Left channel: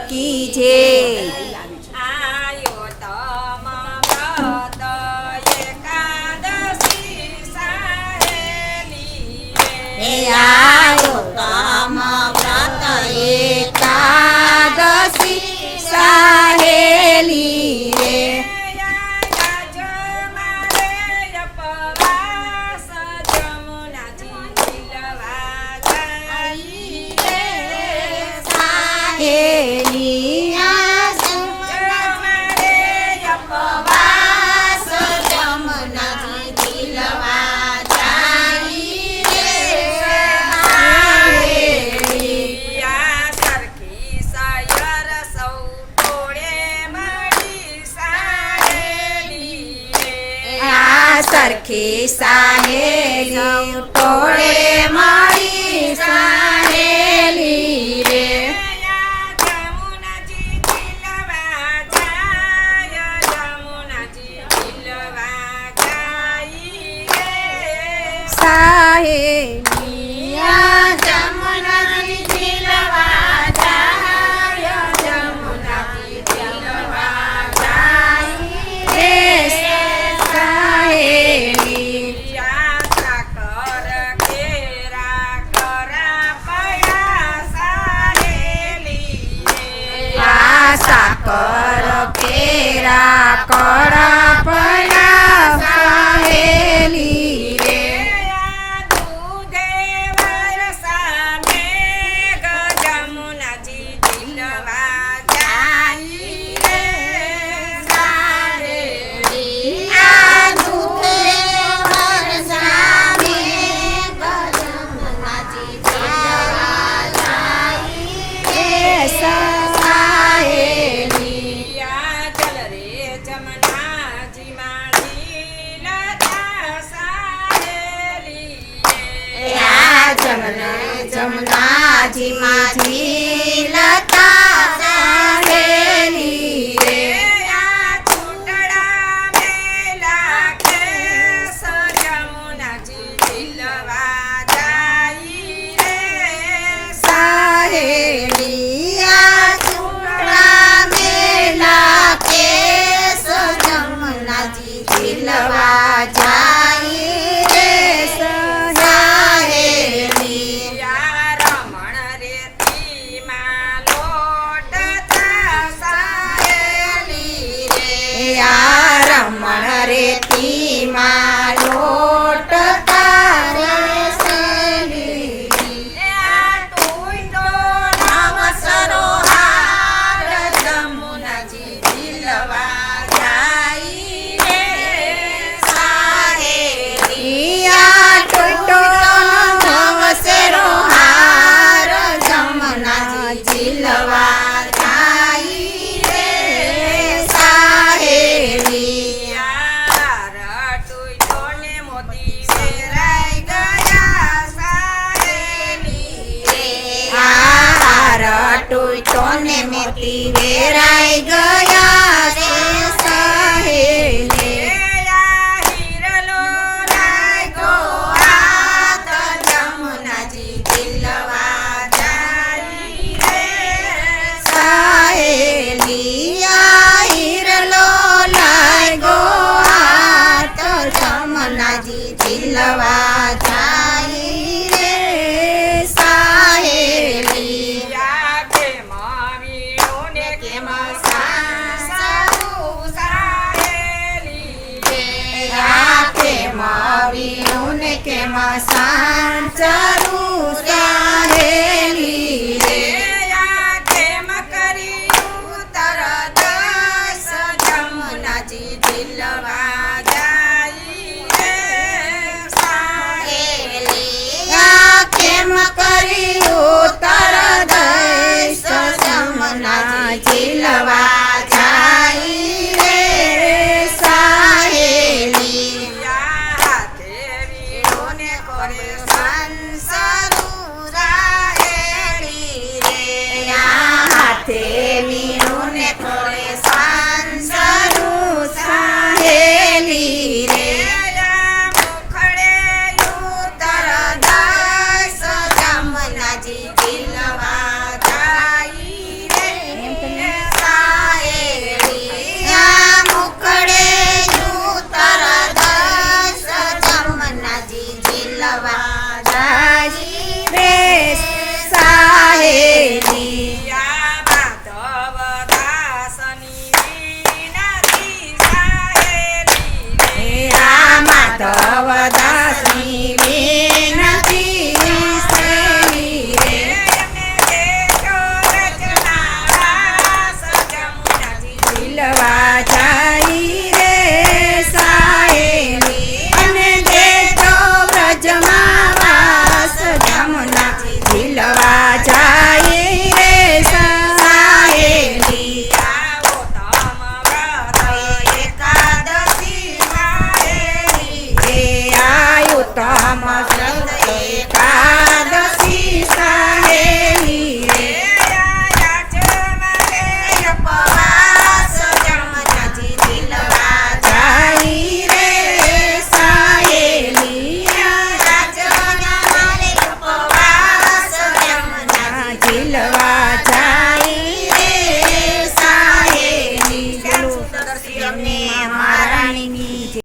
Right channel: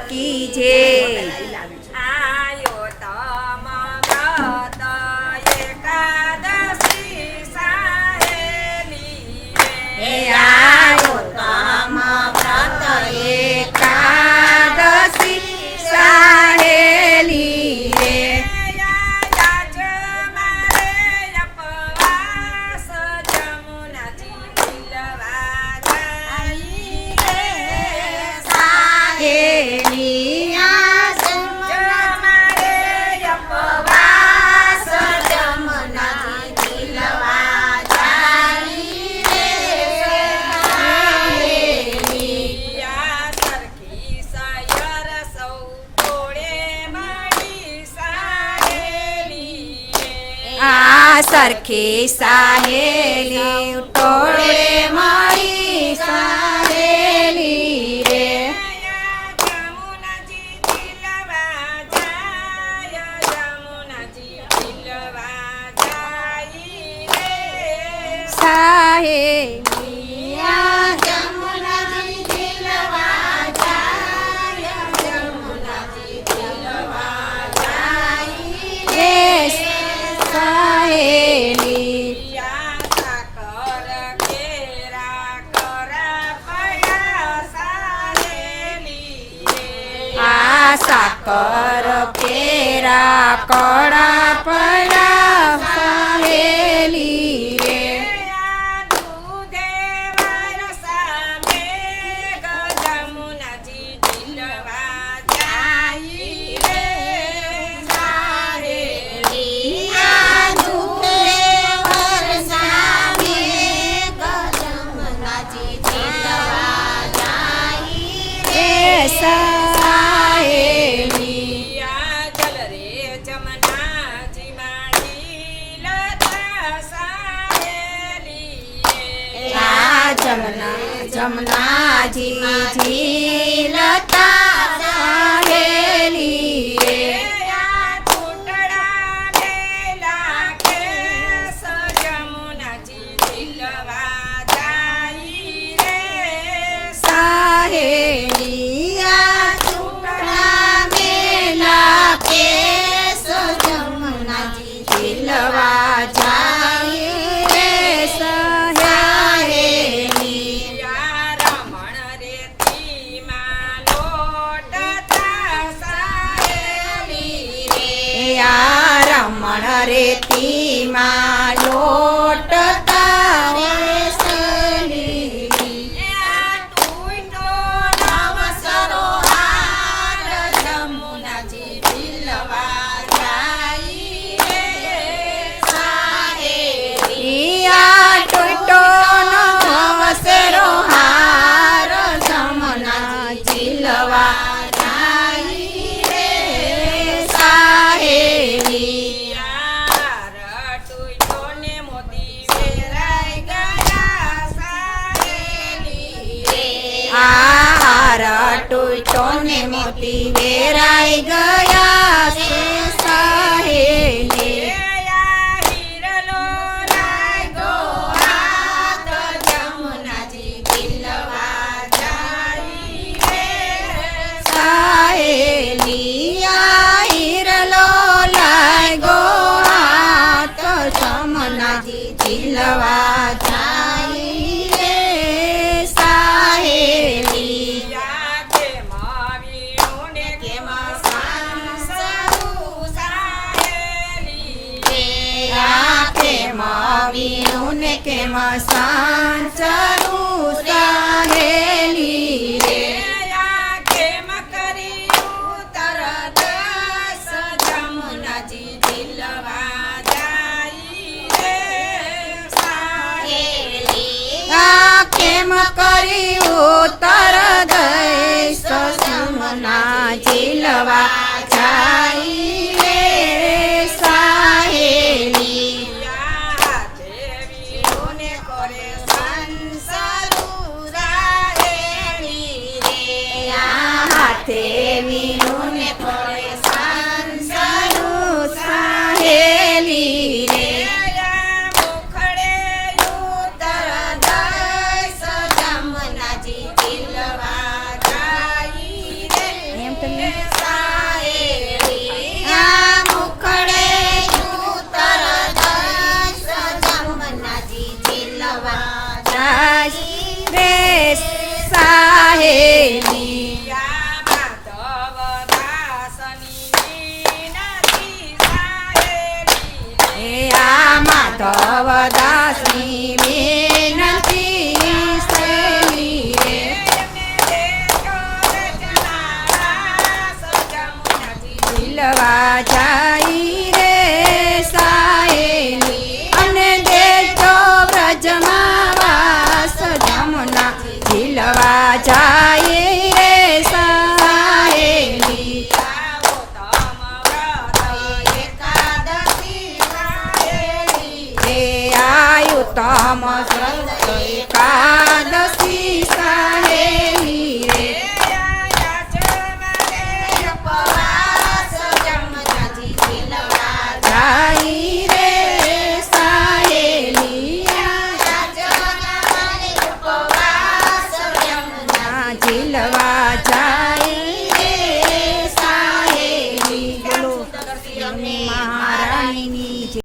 की जय। आयो तम व्रत एकादशी साहेली रे आयो तम व्रत एकादशी साहेली रे સરખી સાહેલી ટોળે મળી સાહેલી રે જમુનાજી દિલવા જાય જમુનાજી દિલવા જાય રે સાહેલી જમુનાજી દિલવા જાય જમુનાજી દિલવા જાય રે સાકર કેરા કડા પડા સાહેલી રે દૂધે વરસાને જમુનાજી દિલવા જાય રે સાહેલી દૂધે વરસાને જમુનાજી દિલવા જાય રે જમનાજી માજી લતા સાહેલી રે છૂટડા મેલા કે જમુનાજી દિલવા જાય રે સાહેલી છૂટડા મેલા કે જમનાજી દિલવા જાય રે રમણ રેતીમાં લોટતા જમુનાજી દિલવા જાય રે સાહેલી ટોટો નો વસરો હાર જમુનાજી દિલવા જાય રે સાહેલી ટોને મોતી વેરાઈ ગયા છે સાહેલી હીરલો લાગો હાથ જમુનાજી દિલવા જાય રે સાહેલી હીરલો લાગો હાથ જમુનાજી દિલવા જાય રે સાહેલી વીણું ને કેમાં સાંચરું સાહેલી રે કેમ કર્યું તરત જમુનાજી દિલવા જાય રે સાહેલી કેમ કર્યું તરત જમુનાજી દિલવા જાય રે સાહેલી વીણું ને કોળે સાંસરું સાહેલી રે મુખડે ઉતર દસ જમુનાજી દિલવા જાય રે ખીલવા જાય